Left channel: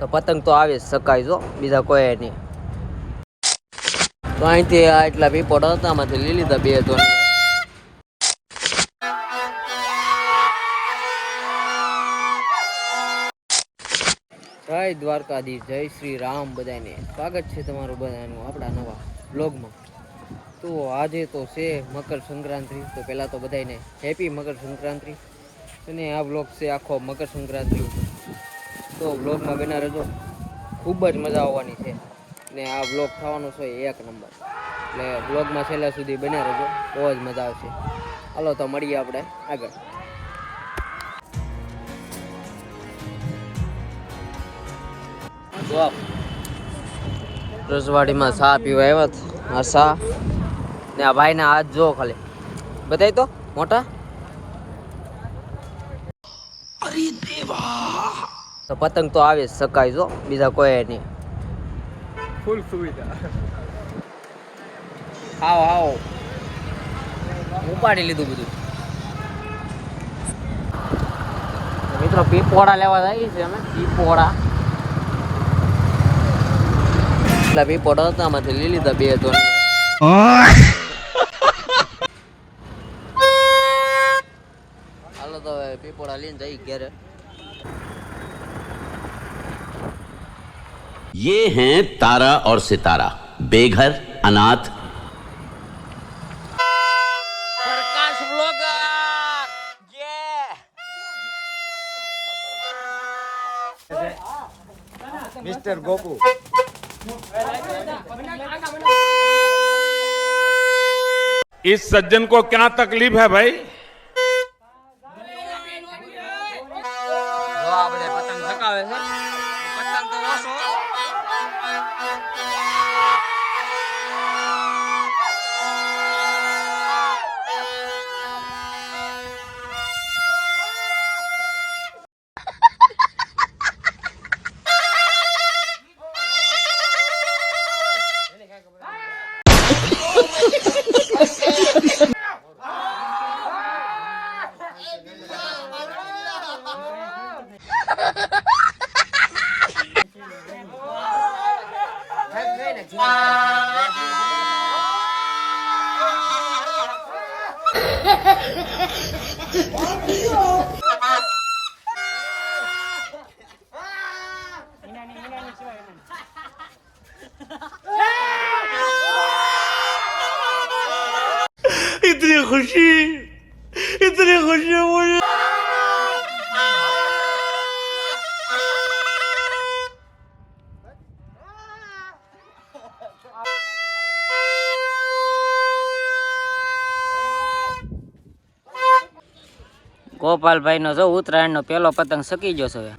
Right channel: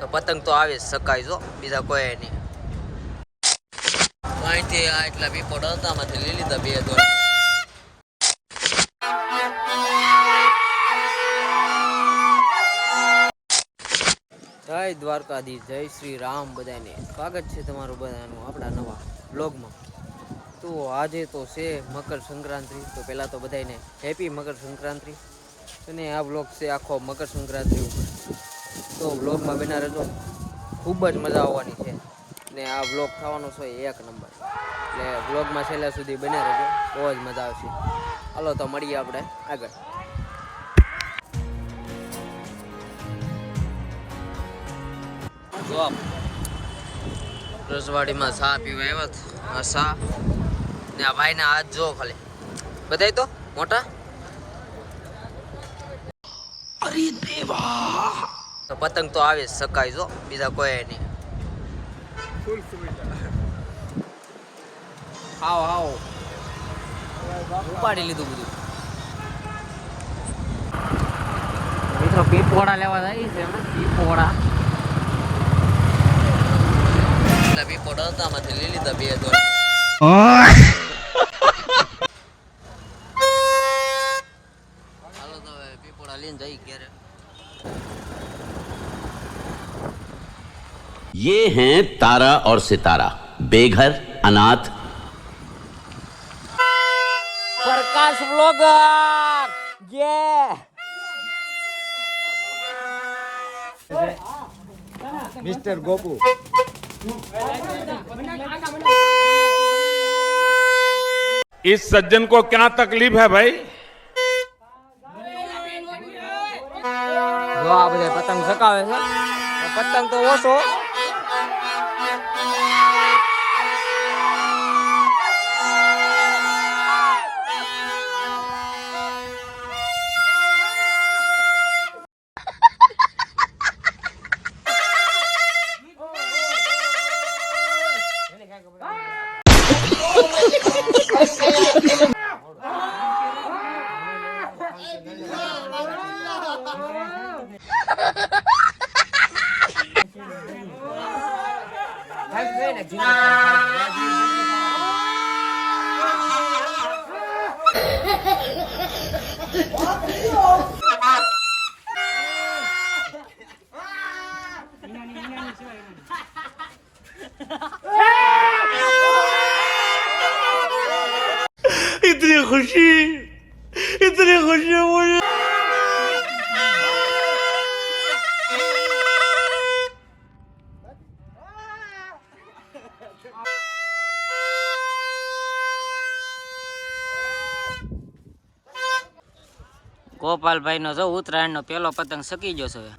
તો પતંગ તો આવે શકાય જો, બીજા કોઈ નહીં. તો અહીંથી એટલા પીપોટ હતા, આમાંથી લઈ લીધા બે તો. જય દ્વારકાધીશ, જય શ્રી રામ. બધાને સ્વાગત છે તમારું બધાનું આપણા નવા બ્લોગમાં. તો આજે તો છે મકર સંક્રાંતિ. તો પહેલાં તો બધાને હેપી મકર સંક્રાંતિ. અને આ બ્લોગ છે આખો મકર સંક્રાંતિ. તો બ્લોગમાં બના રહેજો, ખૂબ જ મજા આવવાની છે. ને આ બ્લોગ થવાનો છે એક નંબર. એટલે બ્લોગમાં છેલ્લા સુધી બન્યા રહેજો, બહુ જ મજા આવશે. હાલો તો મળીએ આપણે આગળ. તો રસવાડીમાં ચા પીવા આવ્યા. આ ચા ને આ ભાઈના હાથ જો ખાલી બતાય તો મોટા. અરે દેવા, તો પતંગ તો આવે શકાય જો, બીજા કોઈ નહીં. ફૂલ સુવિધા. આવો આવો, ઉપાડી લીધું બધું. મિત્રો પીપોડા લેવા જાય છે ને, પીપોડા એટલા પીપોડા હતા, આમાંથી લઈ લીધા બે તો. હાલો તો હવે પીપોડા લઈને જઈ ઘેરે. ये हैं तारा और सितारा, बेघर अनाथ। प्रकाश ब्लॉगर मिस्टर गोपू। इस सज्जन को क्या तकलीफ है भाई? જો આ બધા પતંગ ચકાવે છે, પતંગ તો ઓછો. इतनी खुशी मुझे। ગોપાલભાઈ નો જો ઉત્તરાયણ નો પેલો પતંગ સકી ગયો છે.